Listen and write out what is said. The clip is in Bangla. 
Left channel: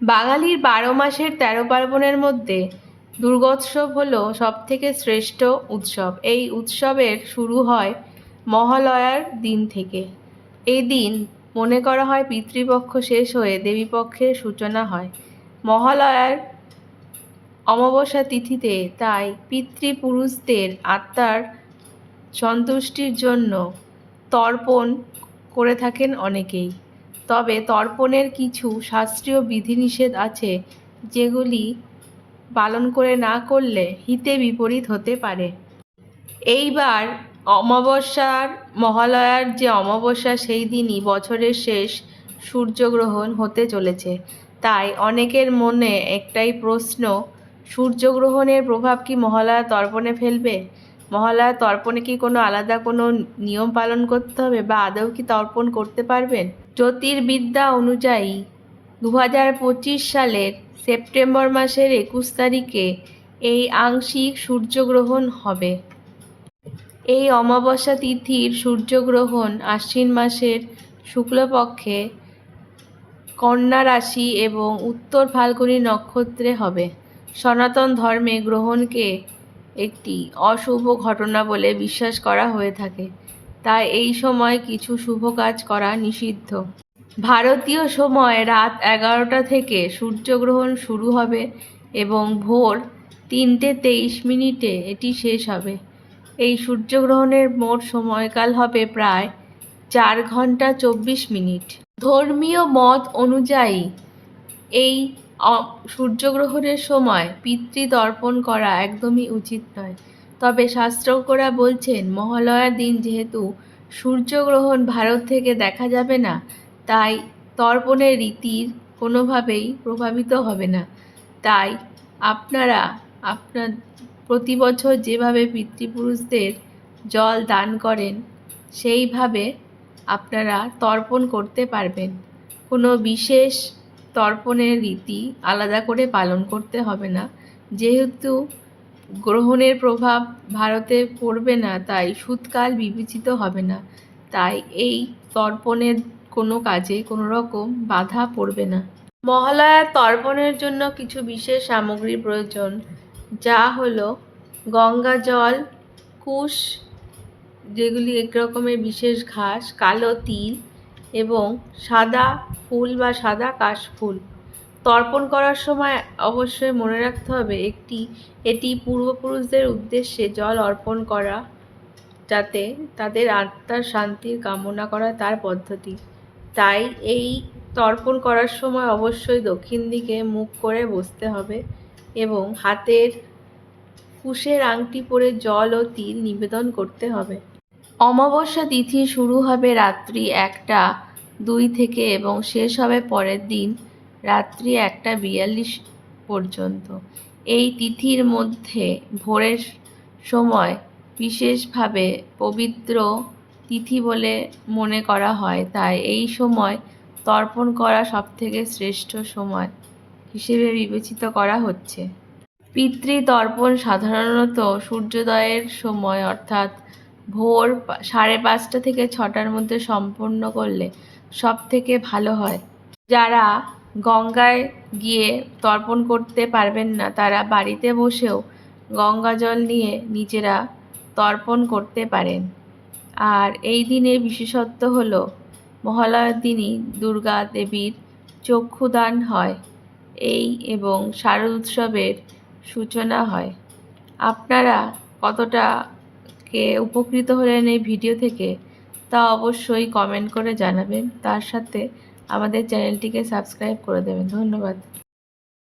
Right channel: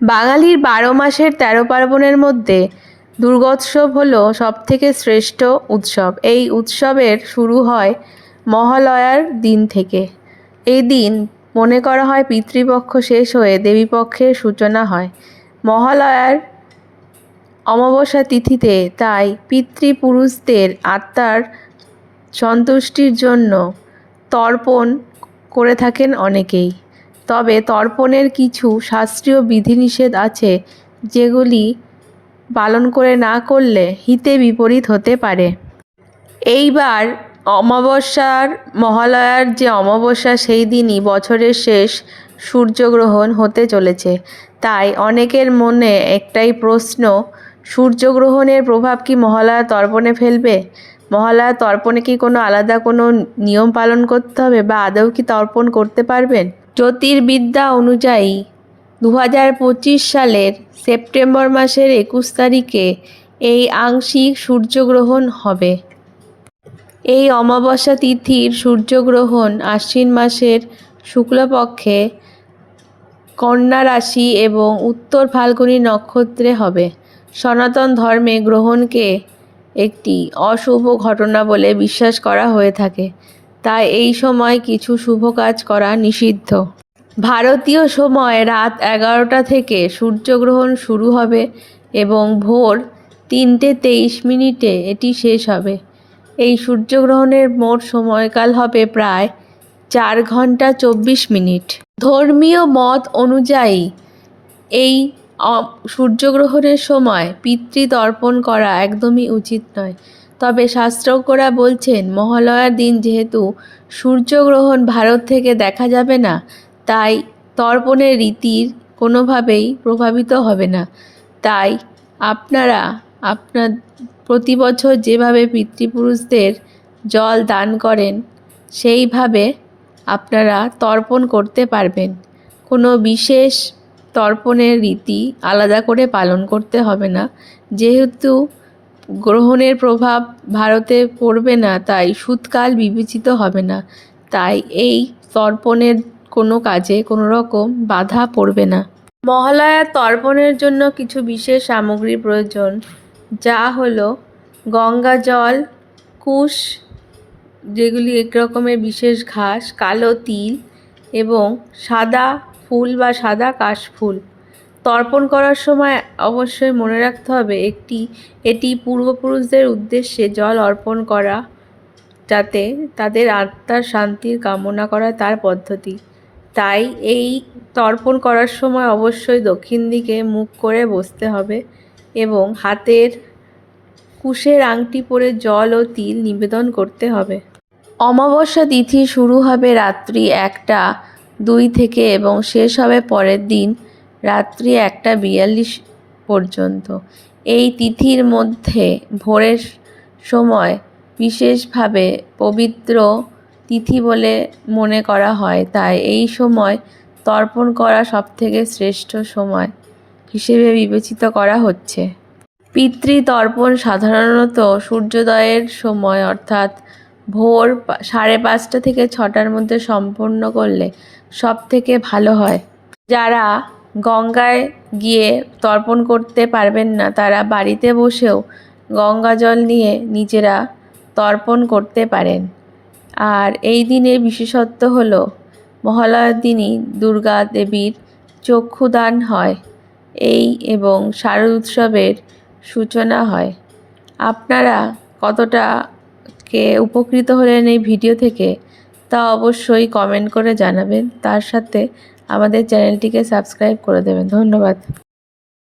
বাঙালির ১২ মাসের ১৩ পার্বণের মধ্যে দুর্গোৎসব হলো সবথেকে শ্রেষ্ঠ উৎসব। এই উৎসবের শুরু হয় মহালয়ার দিন থেকে। এই দিন মনে করা হয় পিতৃপক্ষ শেষ হয়ে দেবীপক্ষের সূচনা হয়। মহালয়ার অমাবস্যা তিথিতে তাই পিতৃপুরুষদের আত্মার সন্তুষ্টির জন্য তর্পণ করে থাকেন অনেকেই। তবে তর্পণের কিছু শাস্ত্রীয় বিধিনিষেধ আছে, যেগুলি পালন না করলে হিতে বিপরীত হতে পারে। এইবার মহালয়ার যে অমাবস্যা, সেই দিনই বছরের শেষ সূর্যগ্রহণ হতে চলেছে। তাই অনেকের মনে একটাই প্রশ্ন, সূর্যগ্রহণের প্রভাব কি মহালয়া তর্পণে ফেলবে? মহালয়া তর্পণে কি কোনো আলাদা কোনো নিয়ম পালন করতে হবে, বা আদৌ কি তর্পণ করতে পারবেন? জ্যোতির্বিদ্যা অনুযায়ী 2025 সালের সেপ্টেম্বর মাসের 21 তারিখে এই আংশিক সূর্যগ্রহণ হবে। এই অমাবস্যা তিথির সূর্যগ্রহণ আশ্বিন মাসের শুক্লপক্ষে কন্যা রাশি এবং উত্তর ফাল্গুনী নক্ষত্রে হবে। সনাতন ধর্মে গ্রহণকে একটি অশুভ ঘটনা বলে বিশ্বাস করা হয়ে থাকে, তাই এই সময় কিছু শুভ কাজ করা নিষিদ্ধ। ভারতীয় সময় রাত 11টা থেকে সূর্যগ্রহণ শুরু হবে এবং ভোর 3:23 এটি শেষ হবে। এই সূর্যগ্রহণের মোট সময়কাল হবে প্রায় 4 ঘন্টা 24 মিনিট। ধর্মীয় মত অনুযায়ী এই সূর্যগ্রহণের সময় পিতৃতর্পণ করা একদমই উচিত নয়। তবে শাস্ত্রজ্ঞরা বলছেন, মহালয়ার দিন যেহেতু সূর্যগ্রহণ ভারত থেকে দেখা যাবে না, তাই তর্পণের রীতির কোনোভাবেই প্রভাবিত হবে না। তাই আপনারা প্রতি বছর যেভাবে পিতৃপুরুষদের জল দান করেন, সেইভাবে আপনারা তর্পণ করতে পারবেন। কোনো বিশেষ তর্পণের রীতি আলাদা করে পালন করতে হবে না। যেহেতু গ্রহণের প্রভাব ভারতে পড়বে না, তাই শূতকাল বিবেচিত হবে না। তাই এই তর্পণের কোনো কাজে কোনো রকম বাধা পড়বে না। মহালয়ার তর্পণের জন্য কিছু বিশেষ সামগ্রী প্রয়োজন, যা হলো গঙ্গা জল, কুশ, যেগুলি এক রকমের বিশেষ ঘাস, কালো তিল এবং সাদা ফুল বা সাদা কাশফুল। তর্পণ করার সময় অবশ্যই মনে রাখতে হবে, এটি পূর্বপুরুষদের উদ্দেশ্যে জল অর্পণ করা, যাতে তাদের আত্মার শান্তির কামনা করা তার পদ্ধতি। তাই এই তর্পণ করার সময় অবশ্যই দক্ষিণ দিকে মুখ করে বসতে হবে এবং হাতের কুশের আংটি পরে জল ও তিল নিবেদন করতে হবে। অমাবস্যা তিথি শুরু হবে রাত্রি 1:02 থেকে এবং শেষ হবে পরের দিন রাত্রি 1:42 পর্যন্ত। এই তিথির মধ্যে ভোরের সময় বিশেষভাবে পবিত্র তিথি বলে মনে করা হয়, তাই এই সময় তর্পণ করা সবথেকে শ্রেষ্ঠ সময় হিসেবে বিবেচিত করা হচ্ছে। পিতৃতর্পণ সাধারণত সূর্যোদয়ের সময় অর্থাৎ ভোর 5:30 থেকে 6টার মধ্যে সম্পন্ন করলে সবথেকে ভালো হয়। যারা গঙ্গায় গিয়ে তর্পণ করতে পারবেন না, তারা বাড়িতে বসেও গঙ্গা জল নিয়ে নিজেরা তর্পণ করতে পারেন। আর এই দিনের বিশেষত্ব হলো, মহালয়ার দিনই দুর্গা দেবীর চক্ষুদান হয় এবং শারদ উৎসবের সূচনা হয়। আপনারা কতটা উপকৃত হলেন এই ভিডিও থেকে, তা অবশ্যই কমেন্ট করে জানাবেন। তার সাথে আমাদের চ্যানেলটিকে সাবস্ক্রাইব করে দেবেন। ধন্যবাদ।